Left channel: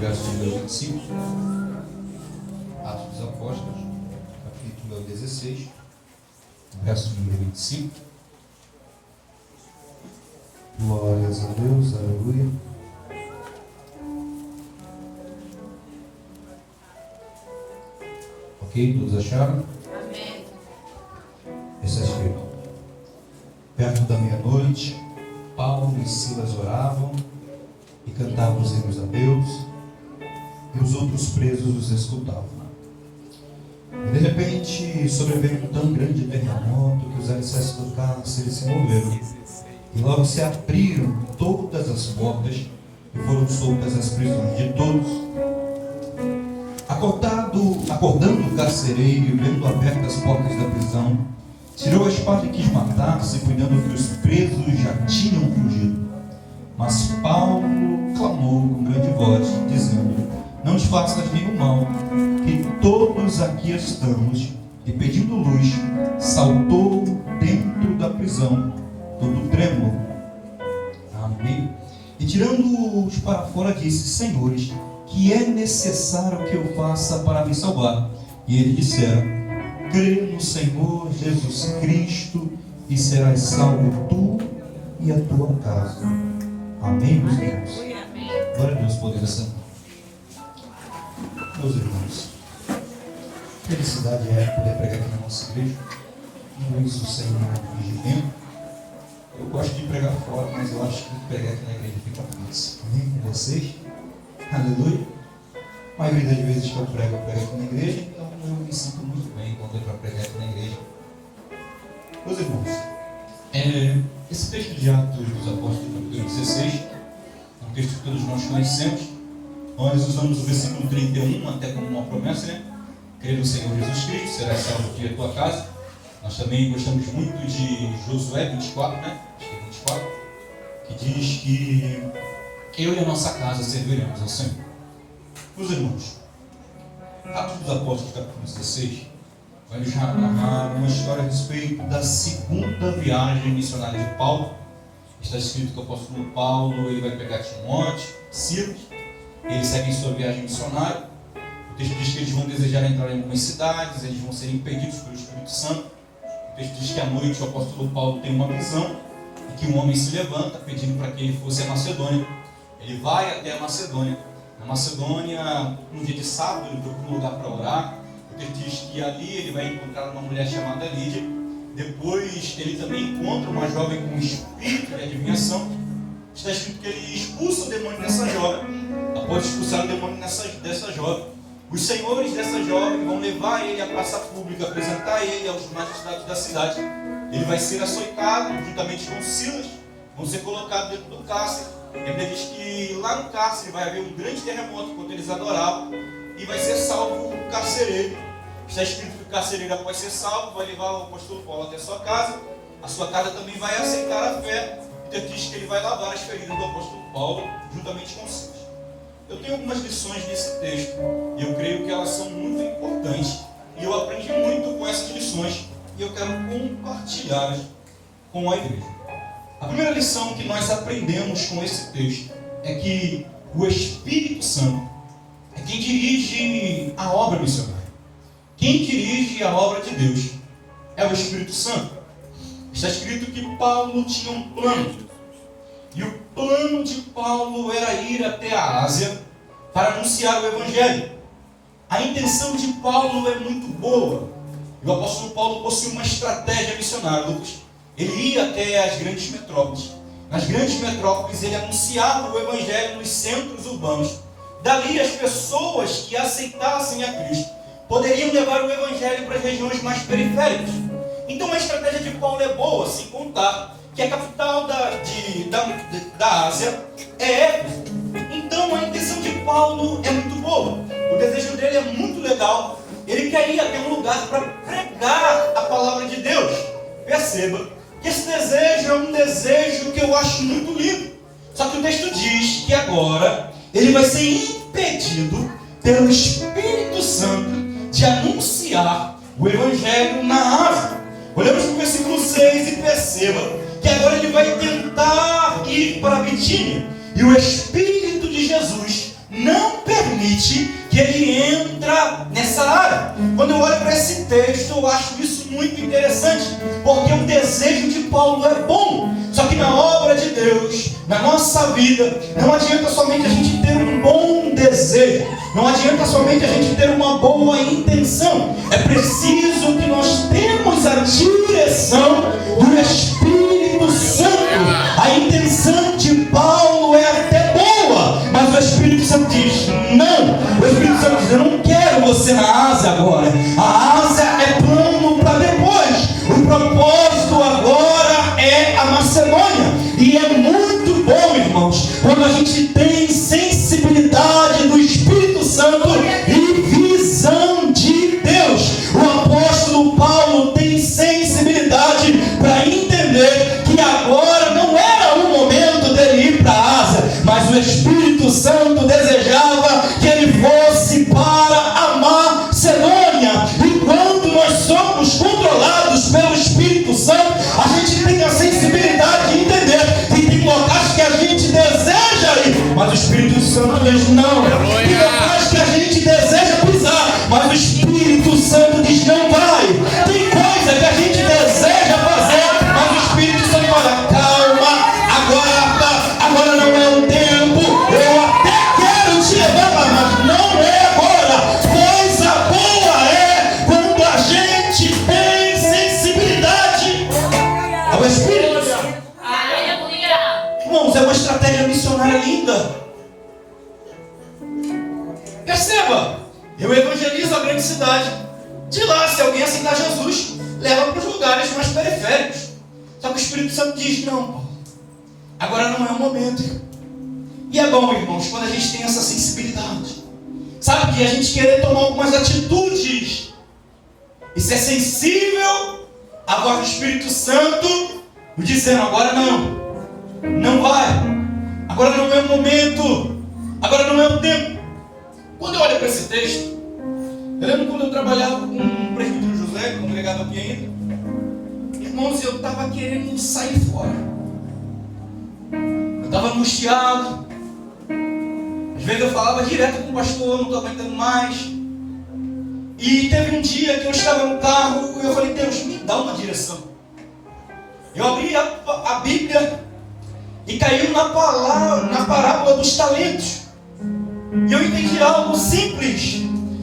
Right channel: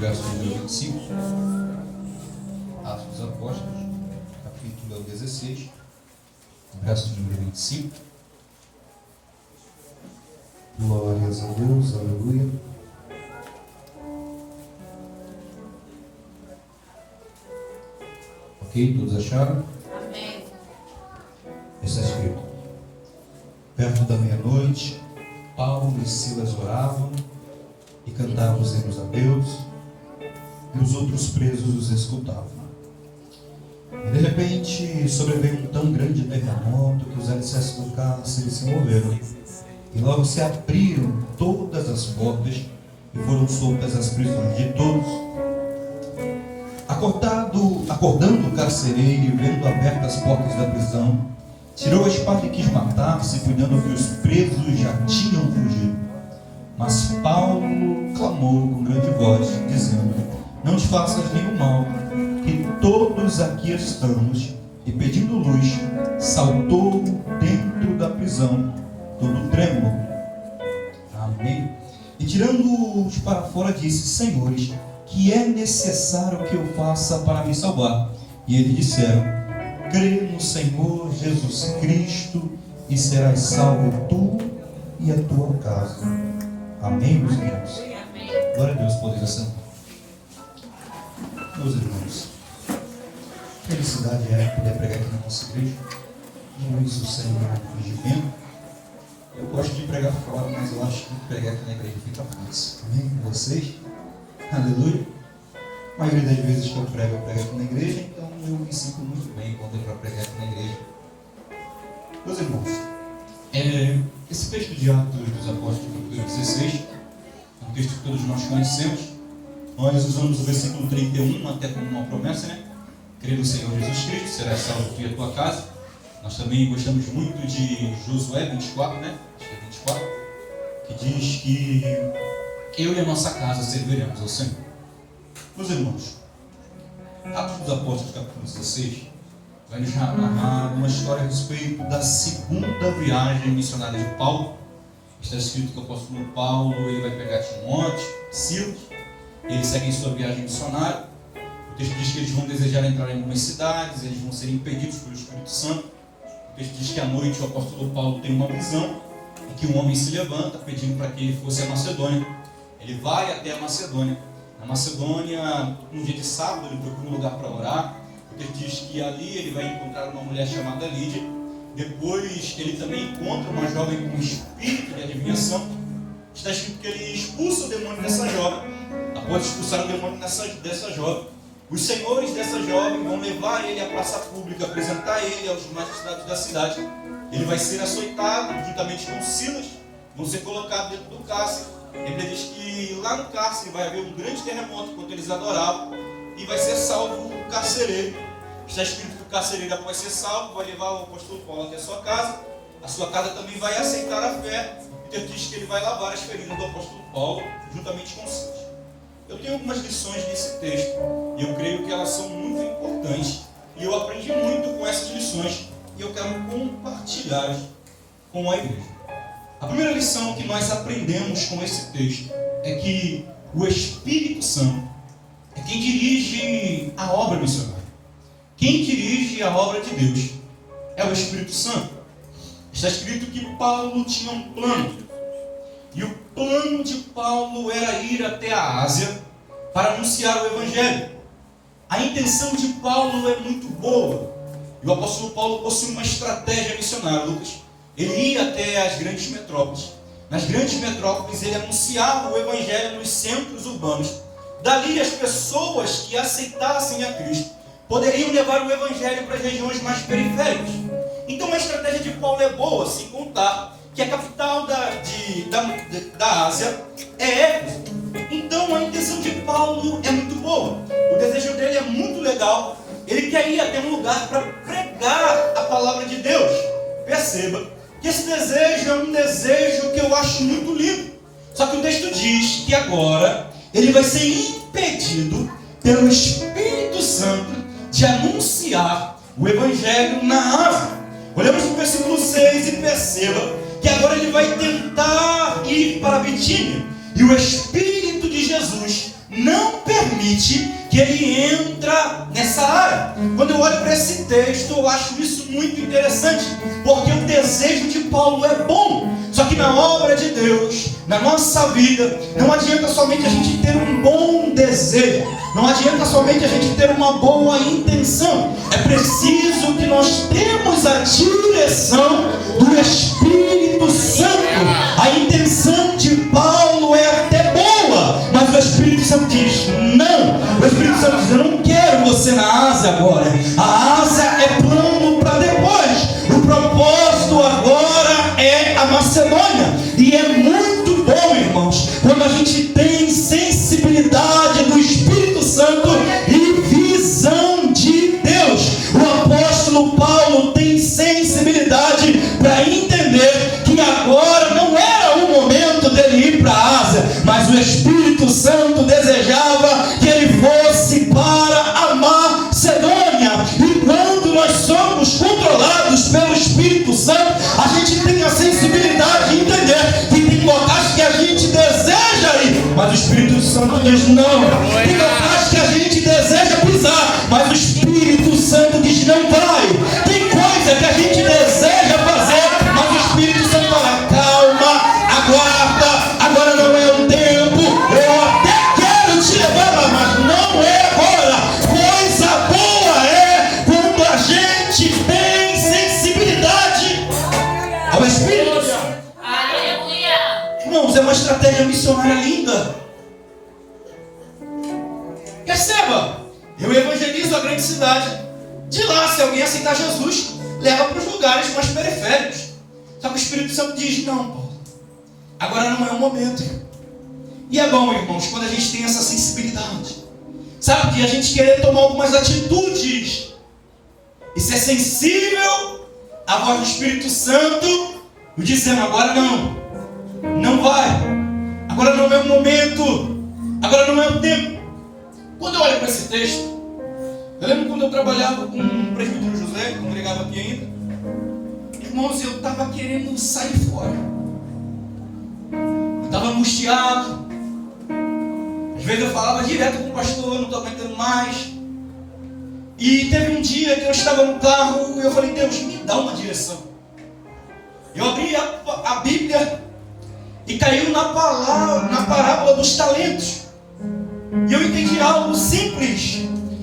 verso número 25. Atos dos Apóstolos, capítulo 16, verso número 25. Glórias a Deus, aleluia. Ok, todos acharam? Amém. Está escrito: perto da meia-noite, Paulo e Silas oravam e cantavam os hinos a Deus, e os outros presos os escutavam. E de repente sobreveio um tão grande terremoto que os alicerces do cárcere se moveram, e logo se abriram todas as portas e foram soltas as prisões de todos. Acordando o carcereiro e vendo abertas as portas da prisão, tirou a espada e quis matar-se, cuidando que os presos já tinham fugido. Mas Paulo clamou com grande voz, dizendo: não te faças nenhum mal, que todos aqui estamos. E pedindo luz, saltou dentro da prisão, todo trêmulo. Amém. E tirando-os para fora, disse: senhores, que é necessário que eu faça para me salvar? E eles disseram: crê no Senhor Jesus Cristo e serás salvo tu e a tua casa. Amém, meus irmãos? Glória a Deus, poder da Santa. Meus irmãos, felicidade é poder pregar aqui na nossa igreja. Não isso sem impedimento. Eu gosto de pregar fora, mas eu acho que pregar aqui na igreja fica fácil. Amém com vocês? Aleluia. A maioria das vezes que eu prego aqui na igreja, então eu me sinto muito bem quando eu pregar aqui na igreja. Meus irmãos, esse texto de Atos dos Apóstolos, capítulo 16, é um texto que todos nós conhecemos. Nós usamos o versículo 31 até como uma promessa, né? Crê no Senhor Jesus Cristo, será salvo tu e a tua casa. Nós também gostamos muito de Josué 24, né? Acho que é 24, que diz que eu e a nossa casa serviremos ao Senhor. Meus irmãos, Atos dos Apóstolos, capítulo 16, vai nos narrar uma história a respeito da segunda viagem missionária de Paulo. Está escrito que o apóstolo Paulo ele vai pegar Timóteo, Silas, eles seguem sua viagem missionária. O texto diz que eles vão desejar entrar em algumas cidades, eles vão ser impedidos pelo Espírito Santo. O texto diz que à noite o apóstolo Paulo tem uma visão e que um homem se levanta pedindo para que ele fosse a Macedônia. Ele vai até a Macedônia. Na Macedônia, no dia de sábado, ele procura um lugar para orar. O texto diz que ali ele vai encontrar uma mulher chamada Lídia. Depois ele também encontra uma jovem com um espírito de adivinhação. Está escrito que ele expulsa o demônio dessa jovem. Após expulsar o demônio dessa jovem, os senhores dessa jovem vão levar ele à praça pública, apresentar ele aos magistrados da cidade. Ele vai ser açoitado juntamente com Silas, vão ser colocados dentro do cárcere. A Bíblia diz que lá no cárcere vai haver um grande terremoto enquanto eles adoravam e vai ser salvo o carcereiro. Está escrito que o carcereiro, após ser salvo, vai levar o apóstolo Paulo até a sua casa também vai aceitar a fé. E diz que ele vai lavar as feridas do apóstolo Paulo juntamente com Silas. Eu tenho algumas lições nesse texto e eu creio que elas são muito importantes e eu aprendi muito com essas lições e eu quero compartilhar com a igreja. A primeira lição que nós aprendemos com esse texto é que o Espírito Santo é quem dirige a obra missionária. Quem dirige a obra de Deus é o Espírito Santo. Está escrito que Paulo tinha um plano. E o plano de Paulo era ir até a Ásia para anunciar o Evangelho. A intenção de Paulo é muito boa. E o apóstolo Paulo possui uma estratégia missionária, Lucas. Ele ia até as grandes metrópoles. Nas grandes metrópoles ele anunciava o Evangelho nos centros urbanos. Dali as pessoas que aceitassem a Cristo poderiam levar o Evangelho para as regiões mais periféricas. Então a estratégia de Paulo é boa, sem contar que a capital da Ásia é Éfeso. Então a intenção de Paulo é muito boa. O desejo dele é muito legal. Ele quer ir até um lugar para pregar a palavra de Deus. Perceba que esse desejo é um desejo que eu acho muito lindo. Só que o texto diz que agora ele vai ser impedido pelo Espírito Santo de anunciar o Evangelho na Ásia. Olhamos para o versículo 6 e perceba que agora ele vai tentar ir para a Bitínia. E o Espírito de Jesus não permite permite que ele entra nessa área. Quando eu olho para esse texto, eu acho isso muito interessante, porque o desejo de Paulo é bom. Só que na obra de Deus, na nossa vida, não adianta somente a gente ter um bom desejo, não adianta somente a gente ter uma boa intenção. É preciso que nós temos a direção do Espírito Santo. A intenção de Paulo é até boa, mas o Espírito Santo diz não. O Espírito Santo diz: eu não quero você na asa agora. A asa é plano para depois. O propósito agora é a Macedônia. E é muito bom, irmãos, quando a gente tem sensibilidade do Espírito Santo e visão de Deus. O apóstolo Paulo tem sensibilidade para entender que agora não era o momento dele ir para a Ásia, mas o Espírito Santo desejava que ele fosse para a Macedônia. E quando nós somos controlados pelo Espírito Santo, a gente tem a sensibilidade de entender que tem locais que a gente deseja ir, mas o Espírito Santo diz não. Tem locais que a gente deseja pisar, mas o Espírito Santo diz não vai. Tem coisa que a gente deseja fazer, mas o Espírito Santo fala: calma, aguarda, agora não é o tempo. Eu até quero te levar lá, mas não é agora. Coisa boa é quando a gente tem sensibilidade ao Espírito. Irmãos, é uma estratégia missionária linda. Perceba, eu evangelizo a grande cidade. De lá, se alguém aceitar Jesus, leva para os lugares mais periféricos. Só que o Espírito Santo diz: não, Paulo, agora não é o momento. E é bom, irmãos, quando a gente tem essa sensibilidade, sabe, que a gente querer tomar algumas atitudes e ser sensível à voz do Espírito Santo, dizendo: agora não vai, agora não é o momento, agora não é o tempo. Quando eu olho para esse texto, eu lembro quando eu trabalhava com o presbítero José, congregava aqui ainda. Irmãos, eu estava querendo sair fora. Eu estava angustiado. Às vezes eu falava direto com o pastor: não estou aguentando mais. E teve um dia que eu estava no carro e eu falei: Deus, me dá uma direção. Eu abri a Bíblia e caiu na parábola dos talentos. E eu entendi algo simples.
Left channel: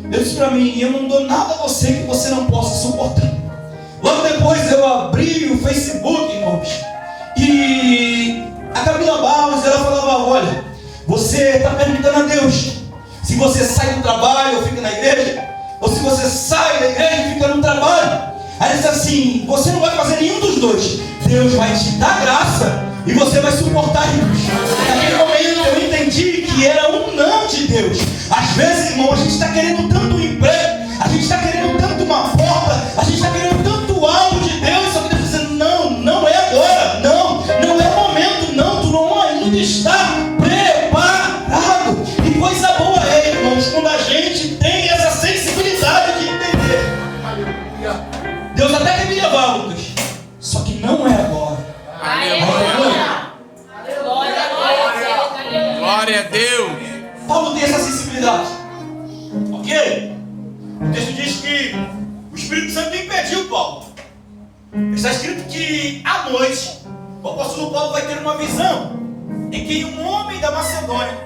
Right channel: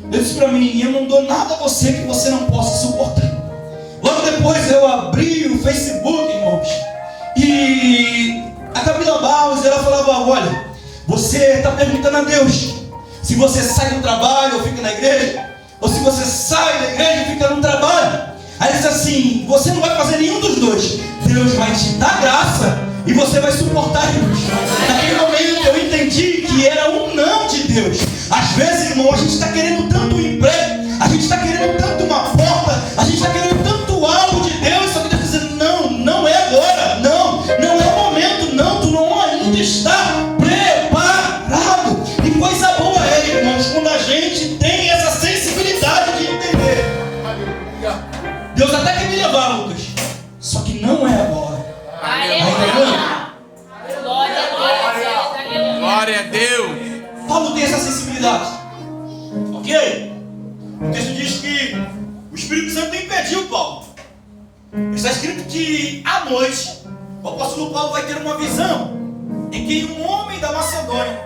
Eu disse para mim: eu não dou nada a você que você não possa suportar. Logo depois eu abri o Facebook, irmãos, e a Camila Barros, ela falava: olha, você está perguntando a Deus se você sai do trabalho ou fica na igreja, ou se você sai da igreja e fica no trabalho. Aí ele disse assim: você não vai fazer nenhum dos dois. Deus vai te dar graça e você vai suportar isso. Naquele momento eu entendi que era um não de Deus. Às vezes, irmão, a gente está querendo tanto um emprego, a gente está querendo tanto uma porta, a gente está querendo tanto algo de Deus, só que Deus está dizendo: não é agora, não é o momento, não, tu não ainda está preparado. E coisa boa é, irmãos, quando a gente tem essa sensibilidade de entender. Deus até quer me levar, Lucas, só que não é agora. Aleluia. Glória a Deus. Paulo tem essa sensibilidade, ok? O texto diz que o Espírito Santo impediu Paulo. Está escrito que à noite o apóstolo Paulo vai ter uma visão em que um homem da Macedônia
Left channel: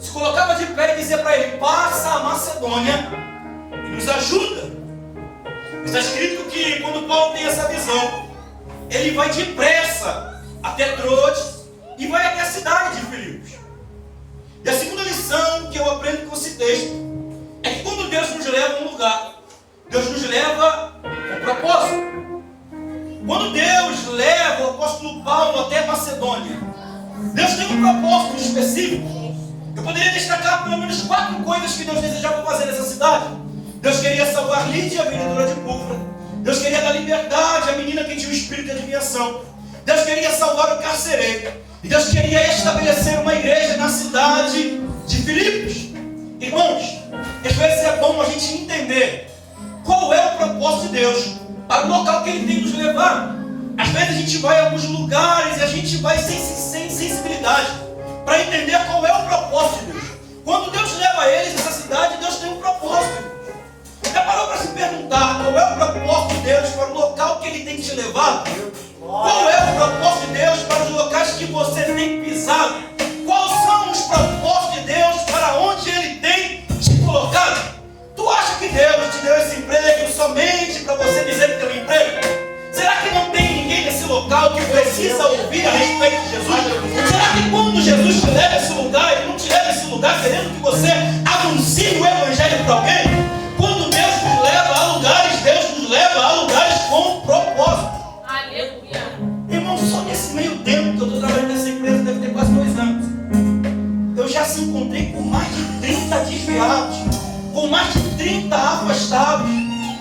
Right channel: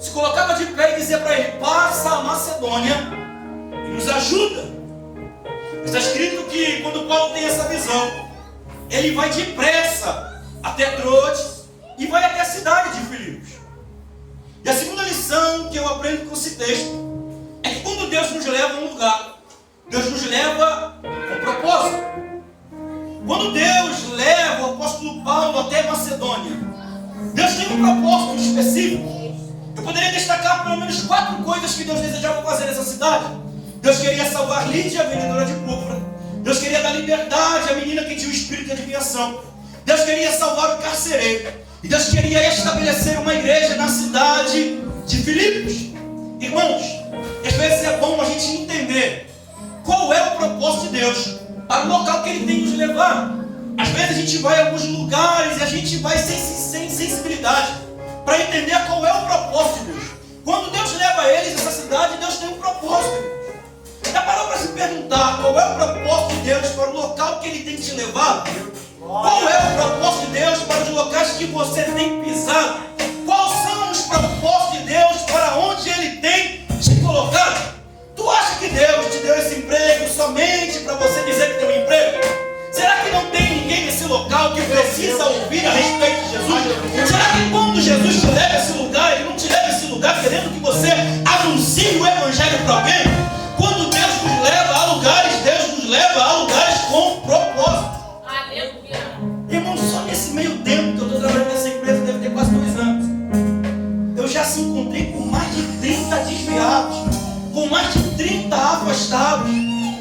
se colocava de pé e dizia para ele: passa a Macedônia e nos ajuda. Está escrito que quando Paulo tem essa visão, ele vai depressa até Troades e vai até a cidade de Filipos. E a segunda lição que eu aprendo com esse texto é que quando Deus nos leva a um lugar, Deus nos leva com propósito. Quando Deus leva o apóstolo Paulo até a Macedônia, Deus tem um propósito específico. Eu poderia destacar pelo menos 4 coisas que Deus desejava fazer nessa cidade. Deus queria salvar Lídia, a vendedora de púrpura. Deus queria dar liberdade à menina que tinha o espírito de adivinhação. Deus queria salvar o carcereiro. E Deus queria estabelecer uma igreja na cidade de Filipos. Irmãos, às vezes é bom a gente entender qual é o propósito de Deus para o local que Ele tem nos levado. Às vezes a gente vai a alguns lugares e a gente vai sem sensibilidade para entender qual é o propósito de Deus. Quando Deus leva ele perguntar qual é o propósito de Deus para o local que Ele tem que te levar, qual é o propósito de Deus para os locais que você tem pisado, quais são os propósitos de Deus para onde Ele tem te colocado. Tu acha que Deus te deu esse emprego somente para você dizer que tem um emprego? Será que não tem ninguém nesse local que precisa ouvir a respeito de Jesus? Será que quando Jesus te leva a esse lugar, Ele não te leva a esse lugar querendo que você anuncie o Evangelho para alguém? Quando Deus nos leva a lugares, Deus nos leva a lugares com propósito. Aleluia. Irmão, só nesse meio tempo que eu estou trabalhando nessa empresa, deve ter quase 2 anos, eu já se encontrei com mais de 30 desviados, com mais de 30 afastados.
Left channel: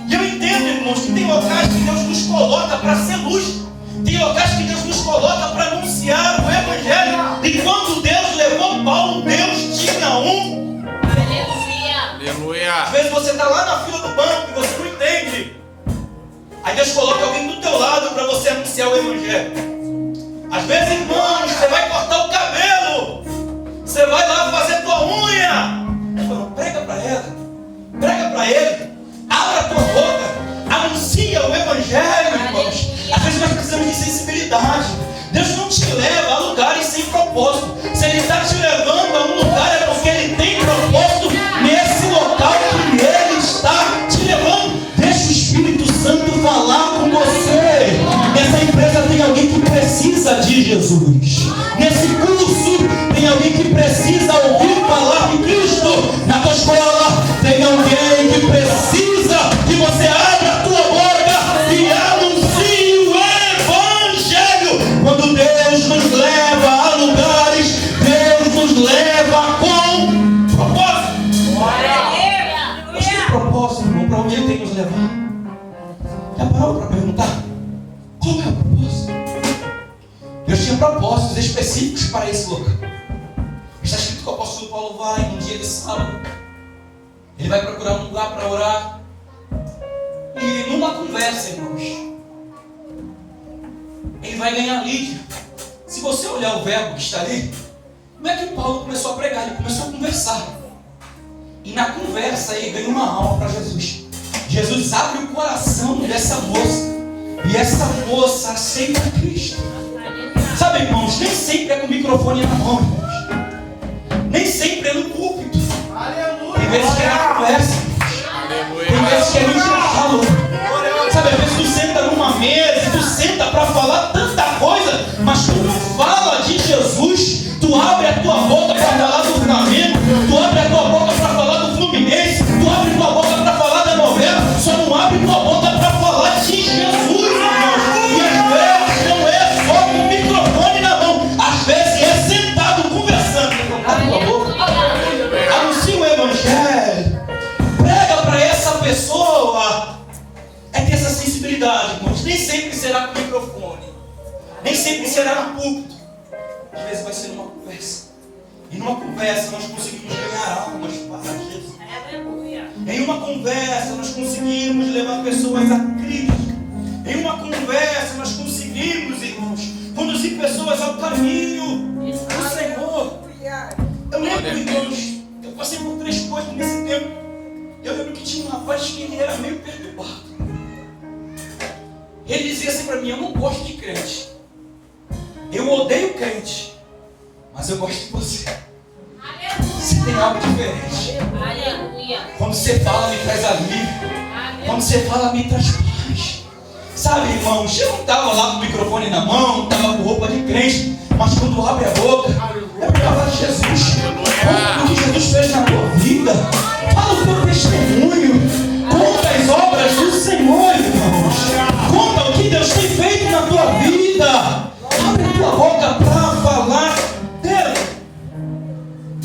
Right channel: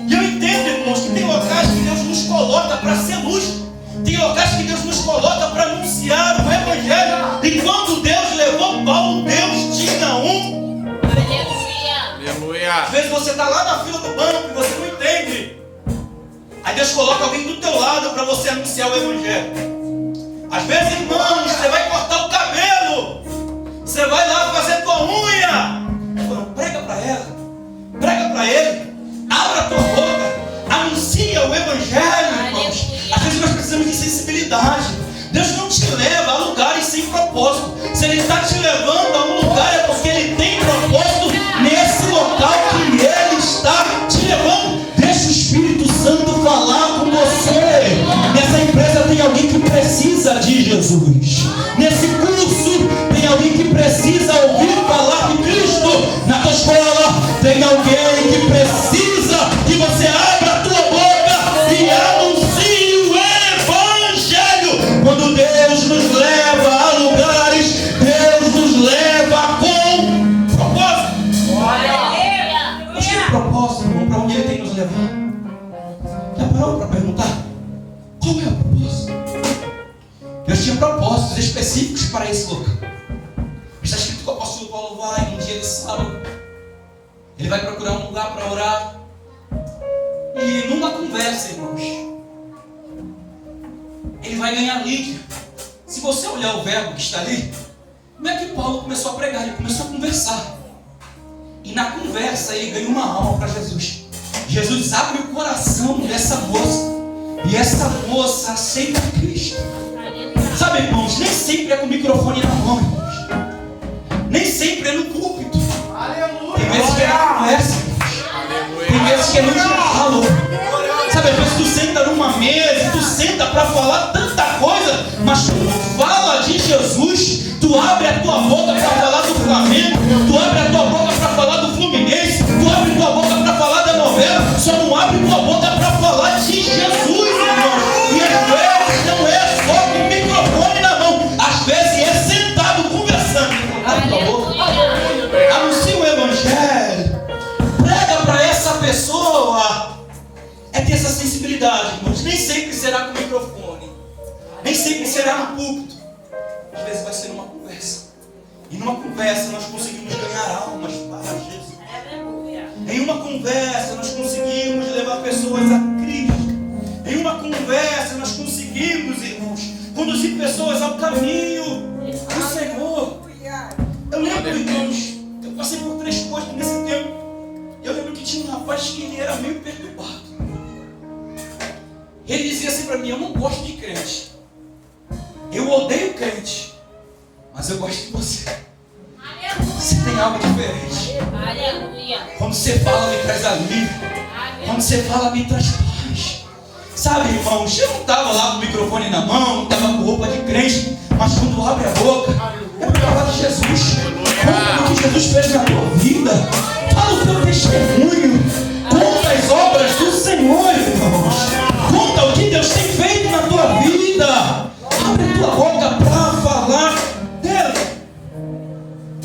E eu entendo, irmãos, que tem locais que Deus nos coloca para ser luz. Tem locais que Deus nos coloca para anunciar o Evangelho. E quando Deus levou Paulo, Deus tinha um. Aleluia. Às vezes você está lá na fila do banco e você não entende. Aí Deus coloca alguém do teu lado para você anunciar o Evangelho. Às vezes, irmãos, você vai cortar o cabelo, você vai lá fazer tua unha. Ele falou, prega para ela, prega para ele. Abra a tua boca, anuncia o Evangelho, irmãos. Às vezes nós precisamos de sensibilidade. Deus não te leva a lugares sem propósito. Se Ele está te levando a um lugar, é porque Ele tem propósito nesse local que Ele está te levando. Deixa o Espírito Santo falar com você. Nessa empresa tem alguém que precisa de Jesus. Nesse curso tem alguém que precisa ouvir falar de Cristo. Na tua escola tem alguém que precisa que você abra a tua boca e anuncie o Evangelho. Quando Deus nos leva a lugares, Deus nos leva com propósito. Nós temos propósito, irmão, para onde Ele tem que nos levar. Já parou para perguntar? Qual é o propósito? Deus tinha propósitos específicos para esse local. Está escrito que o apóstolo Paulo vai, num dia de sábado, ele vai procurar um lugar para orar. E numa conversa, irmãos, ele vai ganhar Lídia. Se você olhar o verbo que está ali, como é que Paulo começou a pregar? Ele começou a conversar. E na conversa ele ganhou uma alma para Jesus. Jesus abre o coração dessa moça. E essa moça aceita Cristo. Sabe, irmãos, nem sempre é com o microfone na mão, irmãos. Nem sempre é no púlpito. Tem vezes que é na conversa. Tem vezes que é no diálogo. Sabe, às vezes tu senta numa mesa, tu senta para falar tanta coisa, mas tu não fala de Jesus. Tu abre a tua boca para falar do Flamengo, tu abre a tua boca para falar do Fluminense, tu abre a tua boca para falar da novela, só não abre a tua boca para falar de Jesus, irmão. E às vezes não é só com o microfone na mão, às vezes é sentado conversando. Abre tua boca, anuncia o Evangelho, prega para essa pessoa. É ter essa sensibilidade, irmãos. Nem sempre será com o microfone, nem sempre será no púlpito. Às vezes vai ser numa conversa. E numa conversa nós conseguimos ganhar almas para Jesus. Em uma conversa nós conseguimos levar pessoas a Cristo. Em uma conversa nós conseguimos, irmãos, conduzir pessoas ao caminho do Senhor. Eu lembro, irmãos, eu passei por 3 coisas nesse tempo. Eu lembro que tinha um rapaz que ele era meio perturbado. Ele dizia assim para mim, eu não gosto de crente. Eu odeio crente, mas eu gosto de você. Você tem algo diferente. Quando você fala, me traz alívio. Quando você fala, me traz paz. Sabe, irmãos, eu não estava lá com o microfone na mão, não estava com roupa de crente, mas quando abre a boca, é para falar de Jesus. Conta o que Jesus fez na tua vida. Fala o teu testemunho. Conta as obras do Senhor, irmãos. Conta o que Deus tem feito na tua vida. Abre a tua boca para falar dele.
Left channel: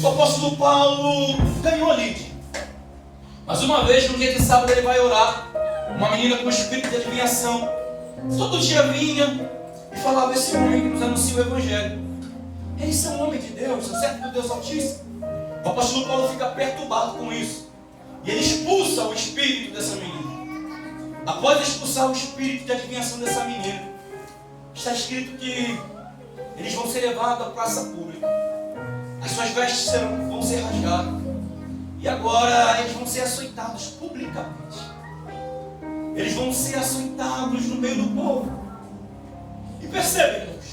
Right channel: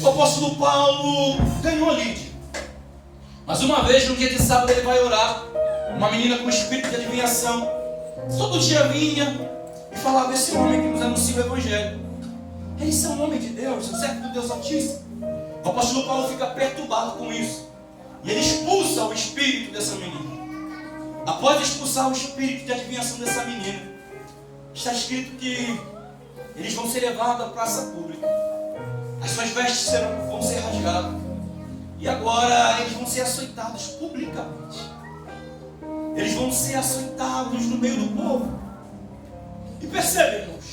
O apóstolo Paulo ganhou a Lídia. Mas uma vez, no dia de sábado, ele vai orar. Uma menina com espírito de adivinhação. Todo dia vinha e falava desse homem que nos anuncia o Evangelho. Eles são homem de Deus, são servo do Deus Altíssimo. O apóstolo Paulo fica perturbado com isso. E ele expulsa o espírito dessa menina. Após expulsar o espírito de adivinhação dessa menina, está escrito que eles vão ser levados à praça pública. As suas vestes vão ser rasgadas. E agora eles vão ser açoitados publicamente. eles vão ser açoitados no meio do povo. E percebe, irmãos,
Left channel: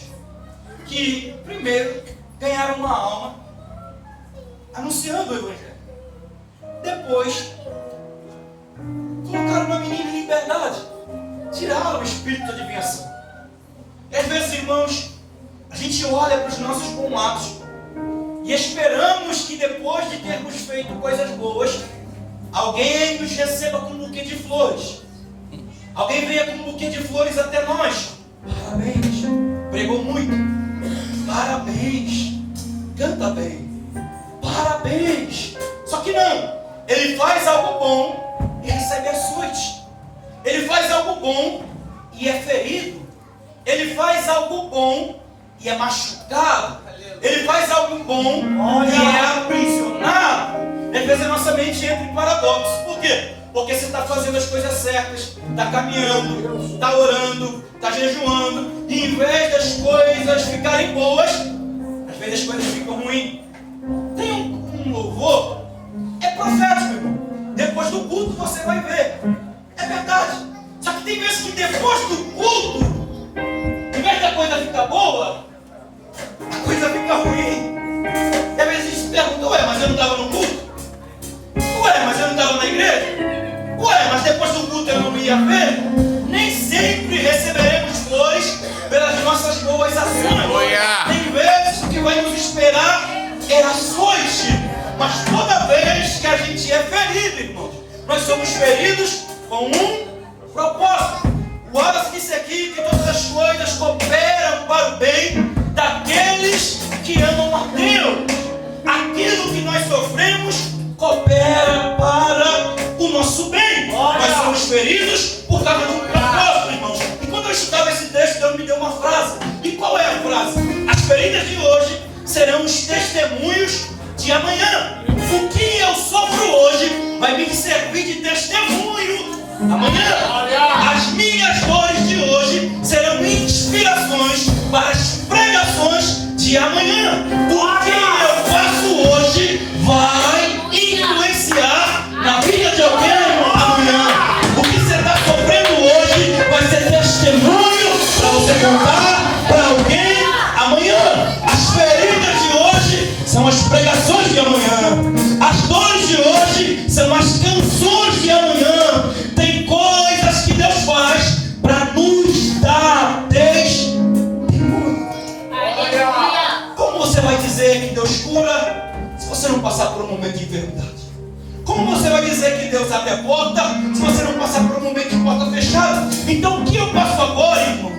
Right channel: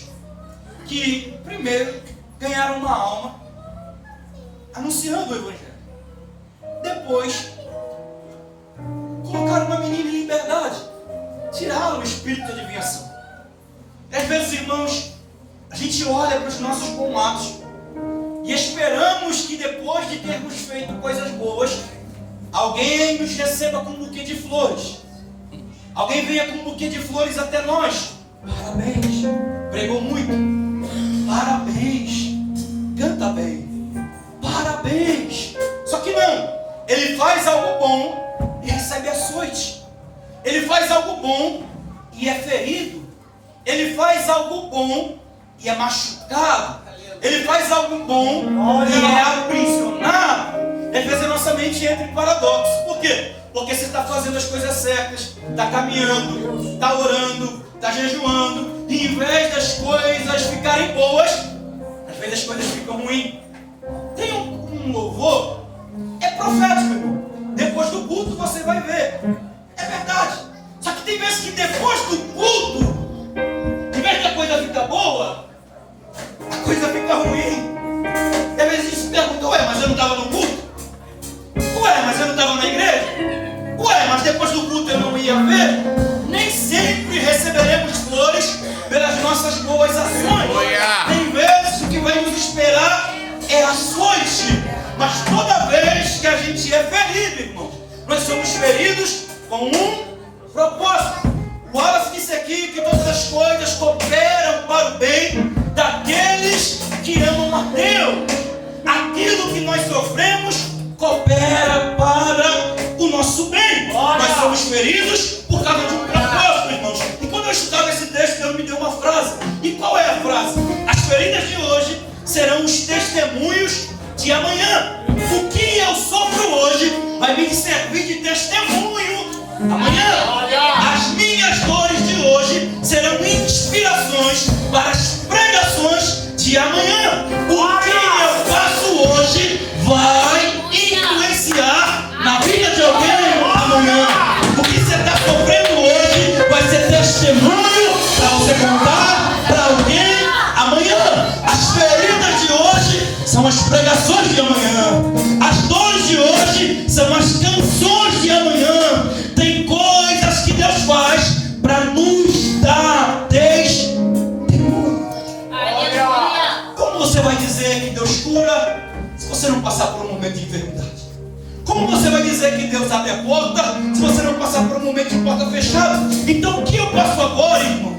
que primeiro ganharam uma alma anunciando o Evangelho. Depois colocaram uma menina em liberdade, tiraram o espírito de adivinhação. E às vezes, irmãos, a gente olha para os nossos bons atos e esperamos que depois de termos feito coisas boas, alguém nos receba com um buquê de flores. Alguém venha com um buquê de flores até nós. Parabéns, pregou muito. Parabéns, canta bem. Parabéns. Só que não, ele faz algo bom e recebe açoite. Ele faz algo bom e é ferido. Ele faz algo bom e é machucado. Ele faz algo bom e é aprisionado. Às vezes a nossa mente entra em paradoxo. Por quê? Porque você está fazendo as coisas certas, está caminhando, está orando, está jejuando, e em vez das coisas ficarem boas, às vezes as coisas ficam ruins. Tem um louvor, é profético, irmão. Depois do culto você vai ver. É verdade. Só que tem vezes que depois do culto, em vez da coisa ficar boa, a coisa fica ruim. E às vezes a gente se pergunta, ué, mas eu não estava no culto? Ué, mas eu não estava na igreja? Ué, mas depois do culto eu não ia ver? Nem sempre receberemos flores pelas nossas boas ações. Tem vezes o que vai nos esperar é açoite. Mas toda vez que a gente é ferido, irmãos, nós somos feridos com um propósito. O Wallace disse aqui que todas as coisas cooperam para o bem daqueles que amam a Deus. Aquilo que nós sofremos coopera para o nosso bem. Nós somos feridos por causa de um propósito, irmãos. E quando eu estudava esse texto, Deus me deu uma frase. E qual é a frase? As feridas de hoje serão os testemunhos de amanhã. O que eu sofro hoje vai me servir de testemunho amanhã. As minhas dores de hoje serão inspirações para as pregações de amanhã. O que eu faço hoje vai influenciar na vida de alguém amanhã. O que você está sofrendo hoje vai ser testemunho para você contar para alguém amanhã. As feridas de hoje são as pregações de amanhã. As dores de hoje são as canções de amanhã. Tem coisas que Deus faz para nos dar testemunho. Como você vai dizer que Deus cura se você não passar por um momento de enfermidade? Como você vai dizer que Deus abre a porta se você não passar por um momento de porta fechada? Então o que eu faço agora, irmãos?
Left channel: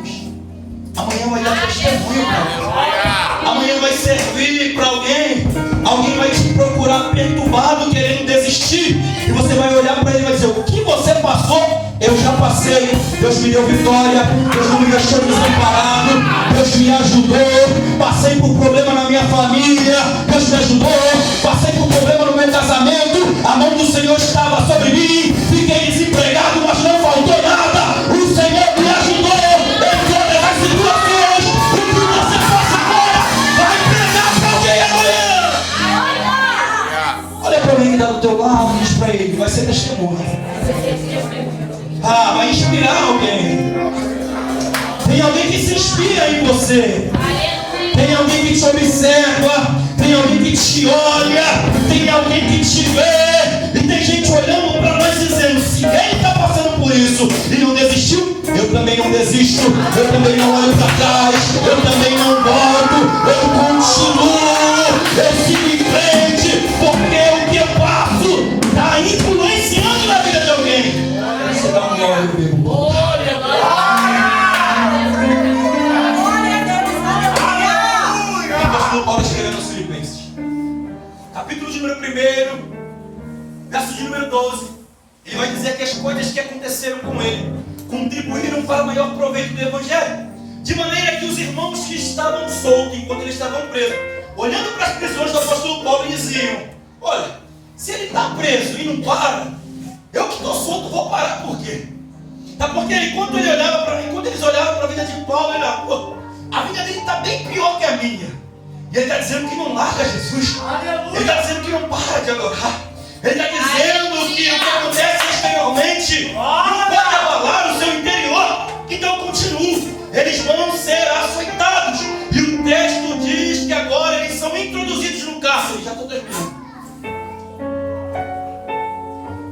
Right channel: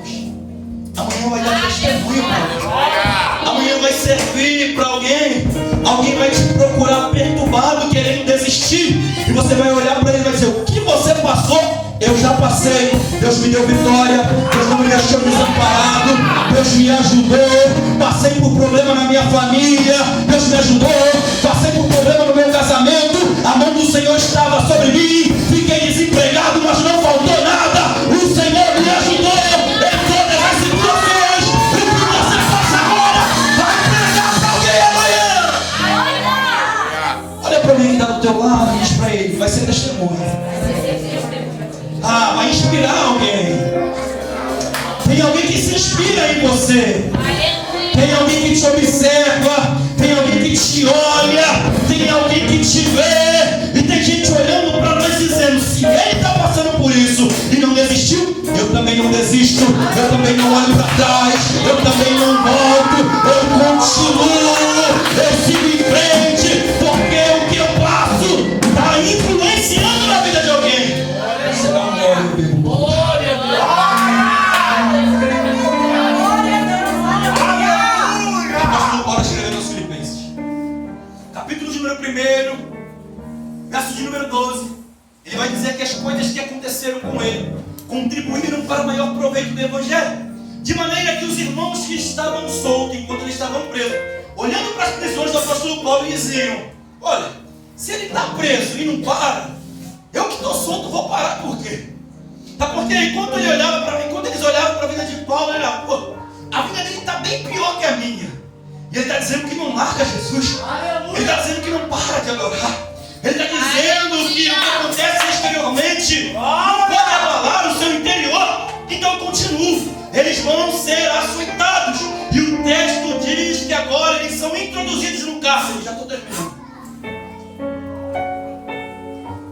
Amanhã vai dar testemunho para alguém. Amanhã vai servir para alguém. Alguém vai te procurar perturbado, querendo desistir. E você vai olhar para ele e vai dizer: o que você passou, eu já passei. Deus me deu vitória. Deus não me deixou desamparado. Deus me ajudou. Passei por problema na minha família. Deus me ajudou. Passei por problema no meu casamento. A mão do Senhor estava sobre mim. Fiquei desempregado, mas não faltou nada. O Senhor me ajudou. Olha para alguém que está do teu lado e diz para ele: vai ser testemunho. Vai inspirar alguém. Tem alguém que se inspira em você. Tem alguém que te observa. Tem alguém que te olha. Tem alguém que te vê. E tem gente olhando para nós dizendo: se ele está passando por isso e não desistiu, eu também não desisto. Eu também não olho para trás. Eu também não volto. Eu continuo. Eu sigo em frente. Porque o que eu faço está influenciando na vida de alguém. Você dá um glória, eu bebo bom. Paulo escrevendo aos Filipenses, capítulo de número 1, verso de número 12, ele vai dizer que as coisas que aconteceram com ele contribuíram para o maior proveito do Evangelho, de maneira que os irmãos que estavam soltos enquanto eles estavam presos, olhando para as prisões do apóstolo Paulo, diziam: olha, se ele está preso e não para, eu que estou solto vou parar. Por quê? Tá, porque enquanto eles olhavam para a vida de Paulo, ele olhava: pô, a vida dele está bem pior que a minha. E ele está dizendo que não larga Jesus. Ele está dizendo que não para de adorar. Ele está dizendo que o que acontece exteriormente, não pode abalar o seu interior. Então continuo, eles vão ser açoitados. E o texto diz que agora eles são introduzidos no cárcere. Já estou terminando.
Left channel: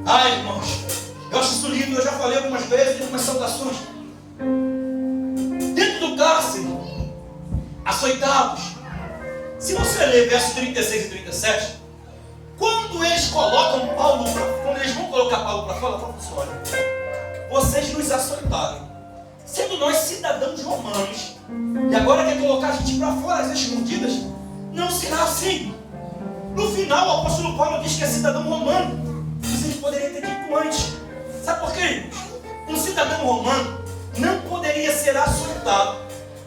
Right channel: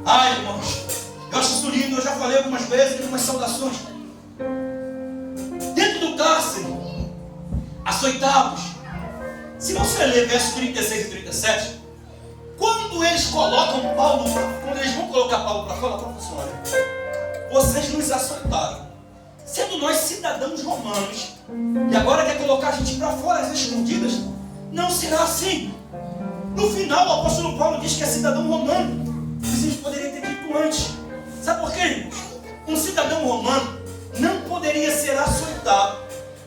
Ai, irmãos, eu acho isso lindo. Eu já falei algumas vezes, algumas saudações. Dentro do cárcere, açoitados. Se você ler versos 36 e 37, quando eles colocam Paulo, quando eles vão colocar Paulo para fora, professor, olha, vocês nos açoitaram, sendo nós cidadãos romanos, e agora quer colocar a gente para fora, as escondidas. Não será assim. No final, o apóstolo Paulo diz que é cidadão romano. Vocês poderiam ter dito antes. Sabe por quê? Um cidadão romano não poderia ser açoitado,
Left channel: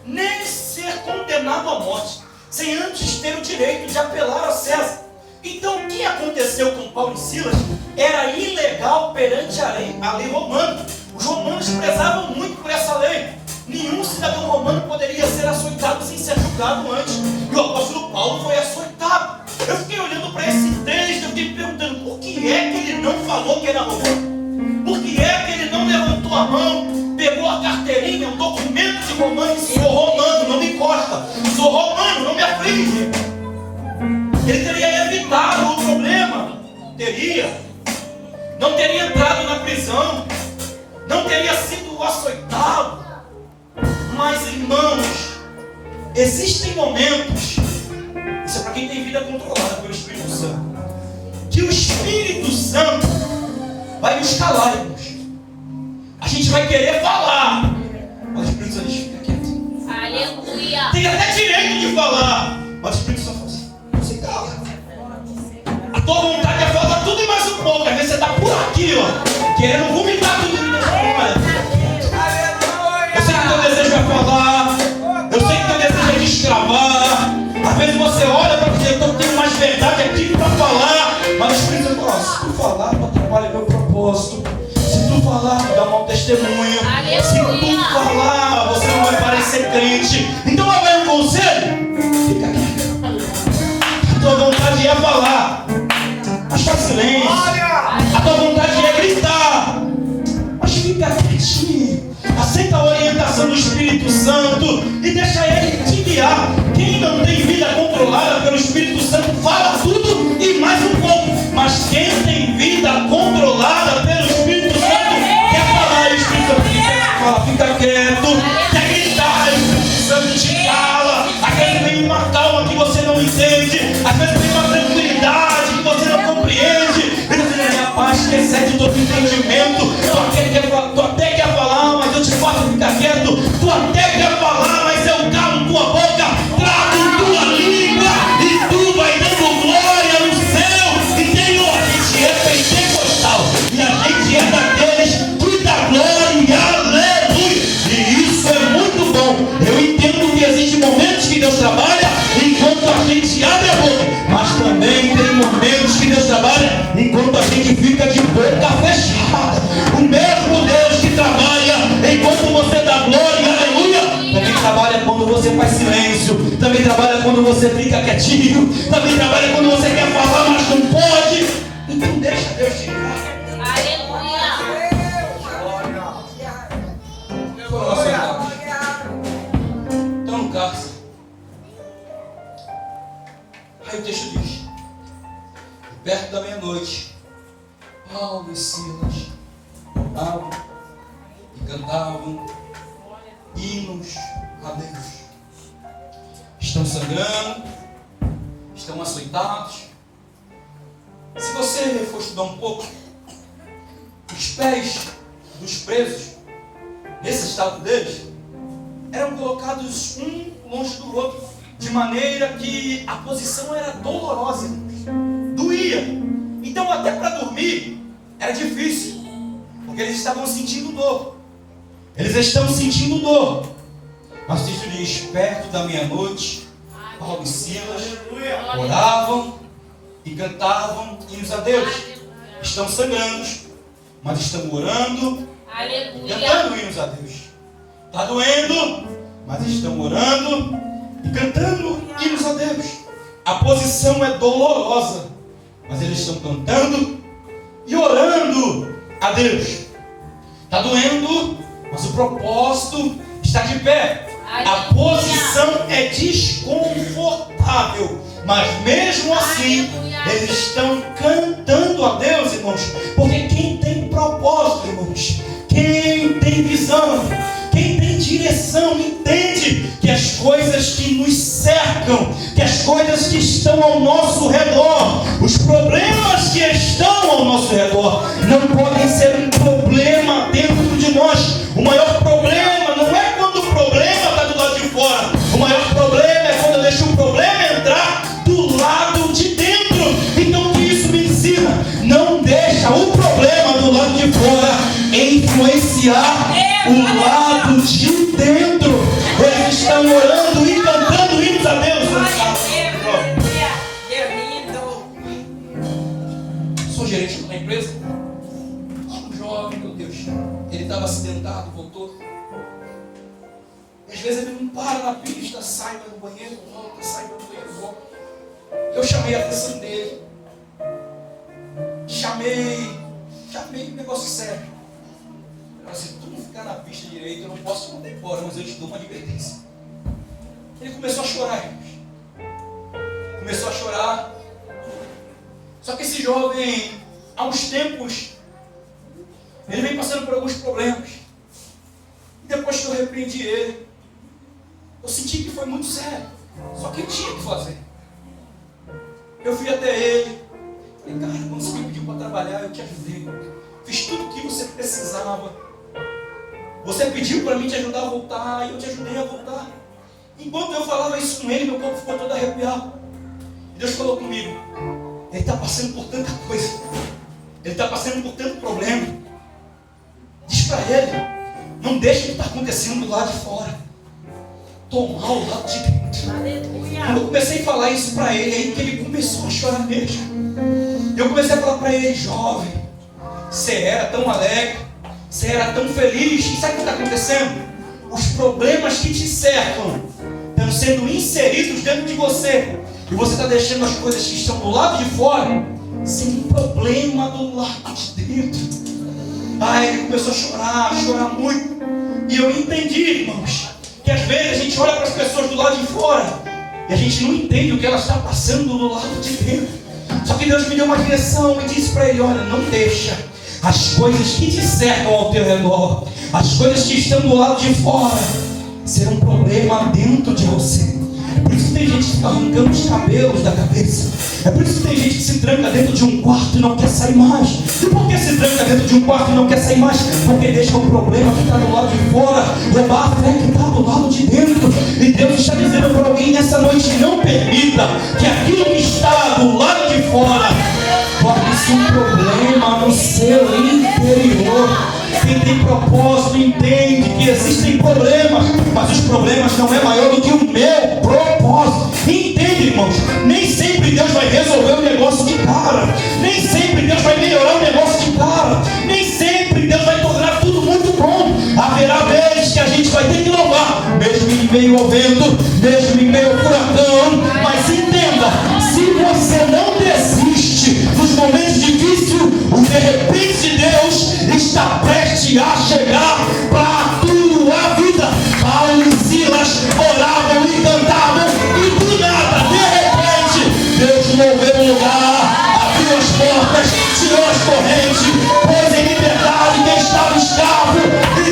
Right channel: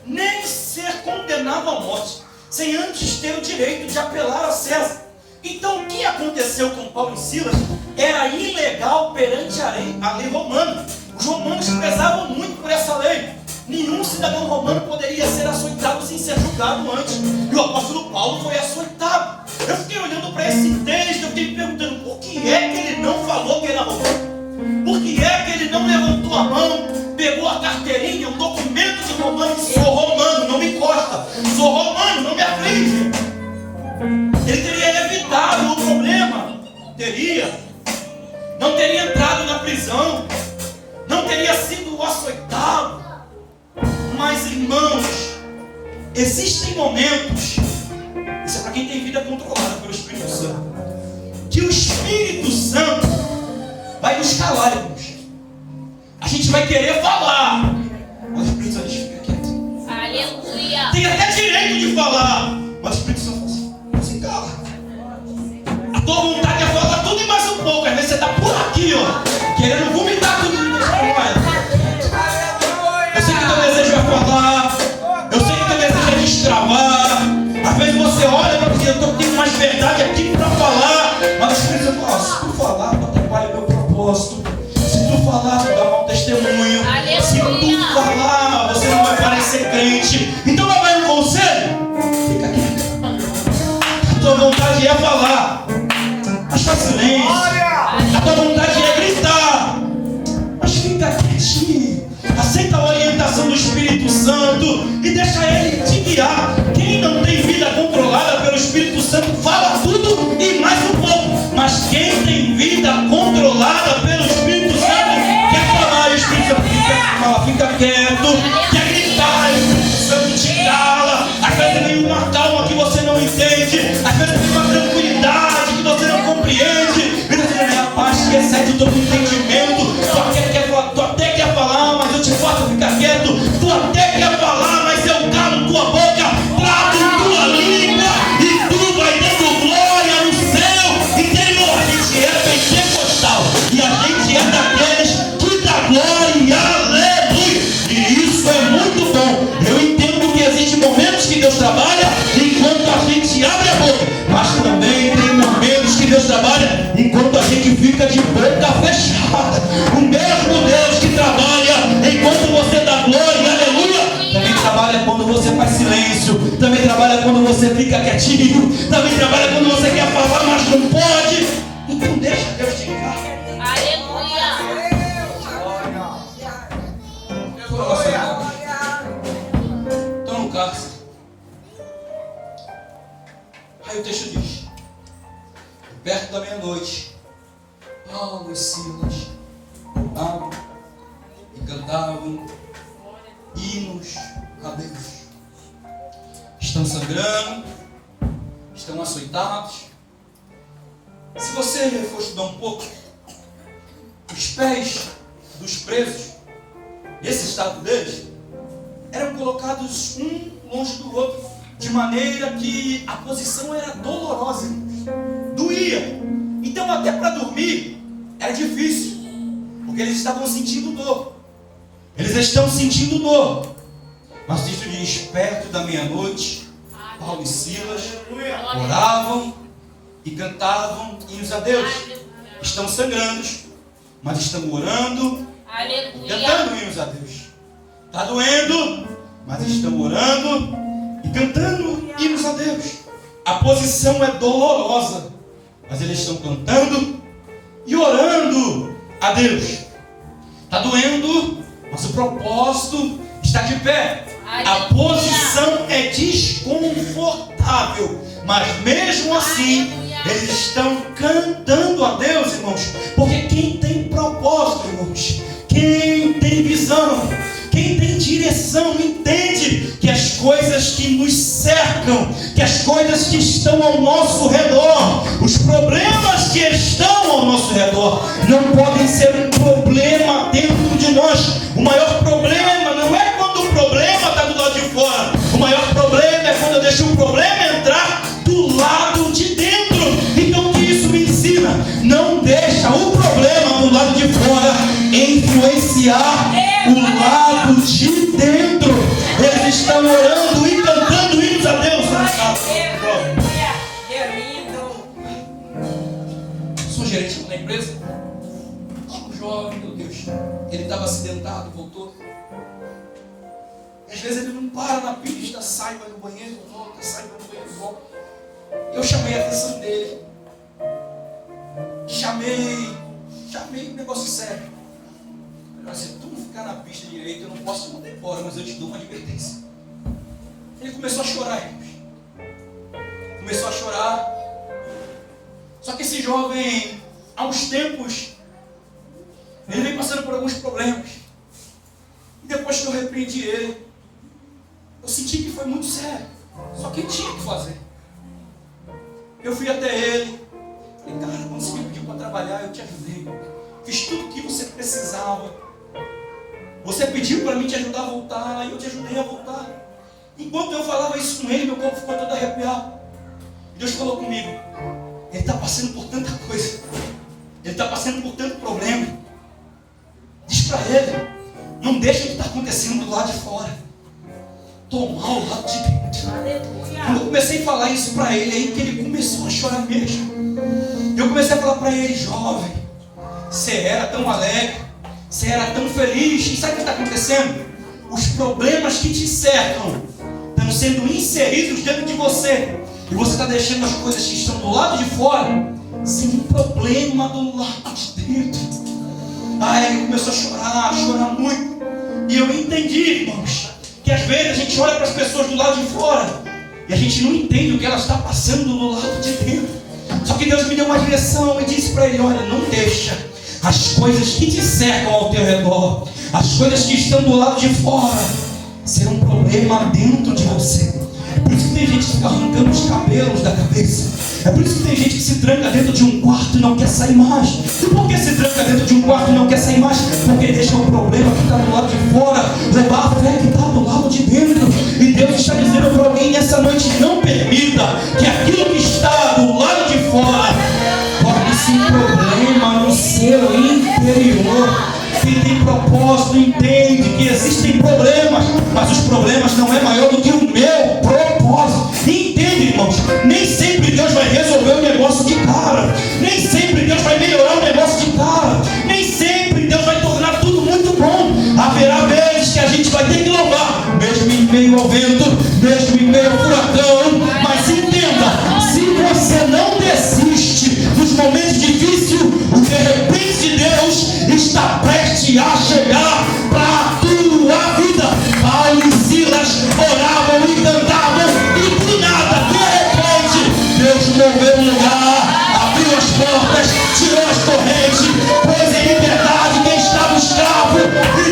nem ser condenado à morte, sem antes ter o direito de apelar a César. Então o que aconteceu com Paulo e Silas era ilegal perante a lei romana. Os romanos prezavam muito por essa lei. Nenhum cidadão romano poderia ser açoitado sem ser julgado antes. E o apóstolo Paulo foi açoitado. Eu fiquei olhando para esse texto, eu fiquei me perguntando por que é que ele não falou que era romano? Por que é que ele não levantou a mão, pegou a carteirinha, um documento de romano e disse: sou romano, não me encosta, sou romano, não me aflige? Ele teria evitado o problema, não teria entrado na prisão, não teria sido açoitado. Mas, irmãos, existem momentos, isso é para quem tem vida controlada pelo Espírito Santo, que o Espírito Santo vai nos calar, irmãos. A gente vai querer falar, mas o Espírito Santo fica quieto. Aleluia. Tem até direito de falar, mas o Espírito Santo fala assim: você cala. A tua vontade é falar tudo e mais um pouco. Às vezes você está por aqui, ó, querendo vomitar tudo e eu sei que teu desejo é falar, eu sei que teu desejo é destravar. Às vezes você olha para dizer: eu tenho mais verdade aqui para falar, mas o Espírito Santo fala: se tu falar, tu atrapalha meu propósito. Se tu falar, tu dá mau testemunho. Aleluia. Se tu falar, você não vai parecer crente. Então lá vai um conselho: fica quieto. A tua vontade é falar, mas faz silêncio. A tua vontade é gritar, mas fica quietinho. Aceita a orientação do Espírito Santo e deixa ele te guiar. Quem não tem vida controlada pelo Espírito Santo fala tudo e mais um pouco. Mas quem tem vida controlada pelo Espírito Santo quer falar, o Espírito Santo fica quieto, quer gritar, o Espírito Santo te cala. Às vezes vem uma calma que você não entende, às vezes vem uma tranquilidade que você não compreende, e você tem a paz que excede todo entendimento. Tu até quer falar, mas eu te faço ficar quieto. Tu até quer falar, mas eu calo tua boca, trago tua língua e tu vai dando glória no seu interior. A gente é pentecostal e a gente é daqueles que dá glória, aleluia. E isso é muito bom. Eu entendo que existem momentos que Deus trabalha enquanto a gente abre a boca, mas também tem momentos que Deus trabalha enquanto a gente fica de boca fechada. O mesmo Deus que trabalha enquanto você dá glória, aleluia, também trabalha quando você faz silêncio, também trabalha quando você fica quietinho, também trabalha quando você quer falar, mas não pode. Então deixa Deus te guiar. Estão no cárcere. Aí o texto diz: perto da meia-noite, Paulo e Silas oravam e cantavam hinos a Deus. Estão sangrando, estão açoitados. Se você for estudar um pouco, os pés dos presos, nesse estado deles, eram colocados um longe do outro, de maneira que a posição era dolorosa, doía. Então até para dormir era difícil, porque eles estavam sentindo dor. Eles estão sentindo dor. Mas o texto diz: perto da meia-noite, Paulo e Silas oravam e cantavam hinos a Deus. Estão sangrando, mas estão orando e cantando hinos a Deus. Está doendo, mas estão orando e cantando hinos a Deus. A posição é dolorosa, mas eles estão cantando e orando a Deus. Está doendo, mas o propósito está de pé. A posição é desconfortável, mas mesmo assim eles estão cantando a Deus, irmãos. Porque quem tem propósito, irmãos, quem tem visão, quem tem direção, entende que as coisas que nos cercam, que as coisas que estão ao nosso redor, os problemas que estão ao nosso redor, não podem ser um problema dentro de nós. O maior problema não é quando o problema está do lado de fora. O maior problema é quando eu deixo o problema entrar do lado de dentro. Então o que isso me ensina? Não deixa o problema do lado de fora influenciar o lado de dentro. Eles estão orando e cantando hinos a Deus. Sou gerente da empresa. Um jovem, meu Deus, ele estava acidentado, voltou. Às vezes ele não para na pista, sai, vai no banheiro, volta, sai, vai no banheiro, volta. Eu chamei a atenção dele. Chamei um negócio sério. Se tu não ficar na pista direito, eu não posso te mandar embora, mas eu te dou uma advertência. Ele começou a chorar, irmãos. Começou a chorar. Só que esse jovem, há uns tempos, ele vem passando por alguns problemas. E depois que eu repreendi ele, eu senti que foi muito sério. Só que ele tinha que fazer. Eu fui até ele. Falei, cara, quando você me pediu para trabalhar, eu te ajudei. Fiz tudo o que você precisava. Você pediu para mim te ajudar a voltar, e eu te ajudei a voltar. Enquanto eu falava isso com ele, meu corpo ficou todo arrepiado. E Deus falou comigo, ele está passando por tanta coisa, ele está passando por tanto problema. Diz para ele, não deixa o que está acontecendo do lado de fora tomar o lado de dentro. Quando eu comecei a falar isso para ele, aí que ele começou a chorar mesmo. Eu comecei a falar para ele, jovem, você era tão alegre, você era tão feliz. E sabe o que está acontecendo? Os problemas que te cercam estão sendo inseridos dentro de você. E você está deixando as coisas que estão do lado de fora sem problema do lado de dentro. Aí ele começou a chorar muito. E eu entendi, irmãos, que às vezes a gente olha para as pessoas do lado de fora e a gente não entende o que ela está passando do lado de dentro. Só que Deus me deu uma direção e disse para ele, olha, não deixa as coisas que te cercam ao teu redor, as coisas que estão do lado de fora, ser um problema dentro de você. É por isso que tem gente que fica arrancando os cabelos da cabeça. É por isso que tem gente que se tranca dentro de um quarto e não quer sair mais. E por que se tranca dentro de um quarto e não quer sair mais? Porque deixa o problema que está do lado de fora levar a fé que está do lado de dentro. E Deus está dizendo para alguém nessa noite, não permita que aquilo que está do lado de fora torne-se um problema no seu interior. Quem tem propósito entende que existem problemas, mas os problemas não é maior do que o meu propósito. Entende, irmãos? Nem sempre Deus vai resolver o negócio de cara. Nem sempre Deus vai melhorar o negócio de cara. Nem sempre Deus vai tornar tudo muito bom. Haverá vezes que a gente vai ter que louvar, mesmo em meio ao vento, mesmo em meio ao furacão. Mas entenda, se você não desiste nos momentos difíceis, o de repente de Deus está prestes a chegar para a tua vida. Paulo e Silas oravam e cantavam, e do nada, de repente, Deus moveu o lugar, abriu as portas, tirou as correntes, pôs em liberdade quem estava escravo. E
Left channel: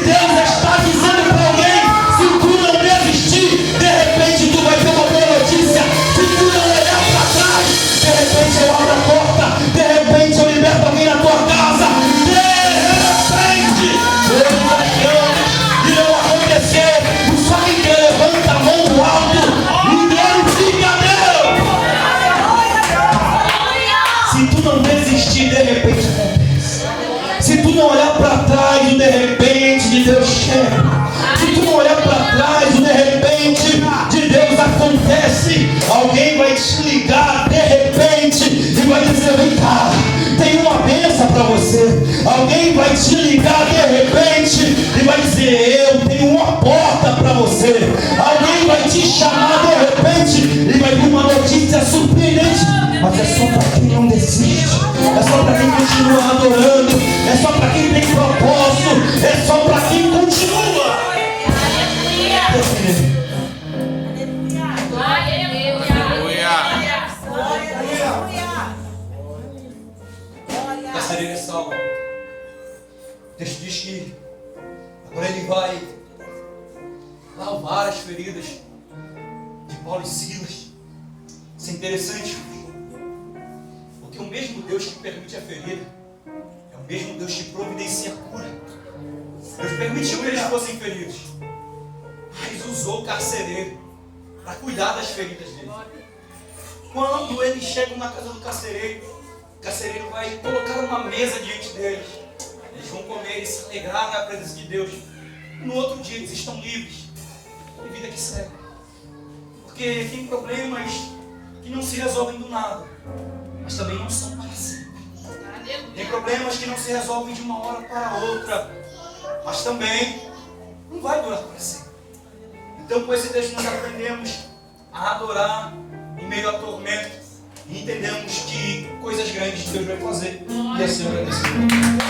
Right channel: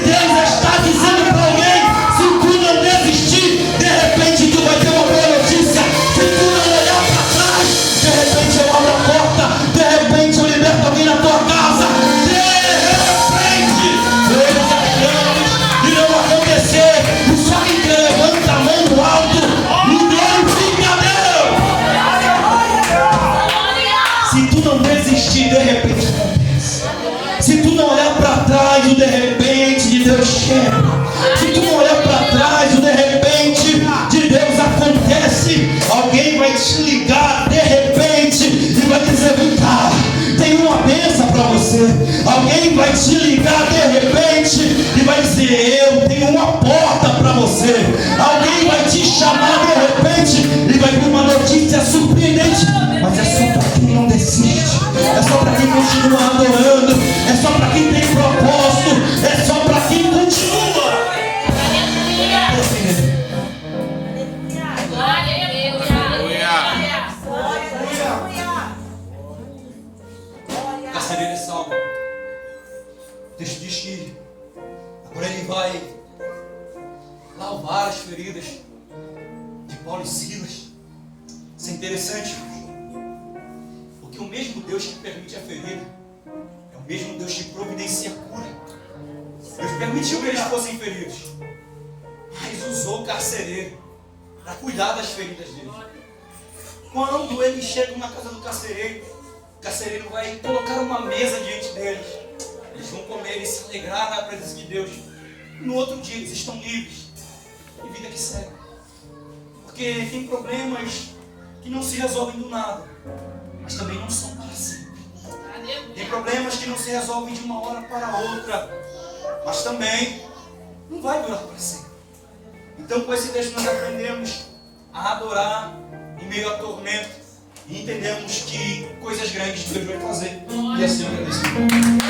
Deus está dizendo para alguém, se tu não desistir, de repente tu vai ter uma boa notícia. Se tu não olhar para trás, de repente eu abro a porta, de repente eu liberto alguém na tua casa. De repente acontece. Se tu não olhar para trás, o de repente de Deus chega. Se tu não olhar para trás, o de repente de Deus acontece. Alguém vai te ligar de repente e vai dizer, vem cá, tem uma bênção para você. Alguém vai te ligar de repente e vai dizer, eu tenho uma porta para você. Alguém vai te chamar de repente e vai vir uma notícia surpreendente. Mas é só para quem não desiste. É só para quem continua adorando. é só para quem tem propósito, é só para quem continua. Carcereiro é salvo. O texto diz que agora ele vai lavar as feridas de Paulo e Silas. Isso é interessante, porque o mesmo Deus que permite a ferida é o mesmo Deus que providencia a cura. Deus permitiu que eles fossem feridos, mas usou o carcereiro para cuidar das feridas deles. Quando eles chegam na casa do carcereiro, o carcereiro vai colocar uma mesa diante deles. Eles vão comer e se alegrar na presença de Deus. No outro dia eles estão livres. E vida que segue. Porque tem problemas que não se resolvem do nada, mas também não são para sempre. Tem problemas que não se resolvem de uma hora para outra, mas também não vai durar para sempre. Então com esse texto nós aprendemos a adorar em meio a tormento e entendemos que coisas grandes Deus vai fazer. E assim eu agradeço.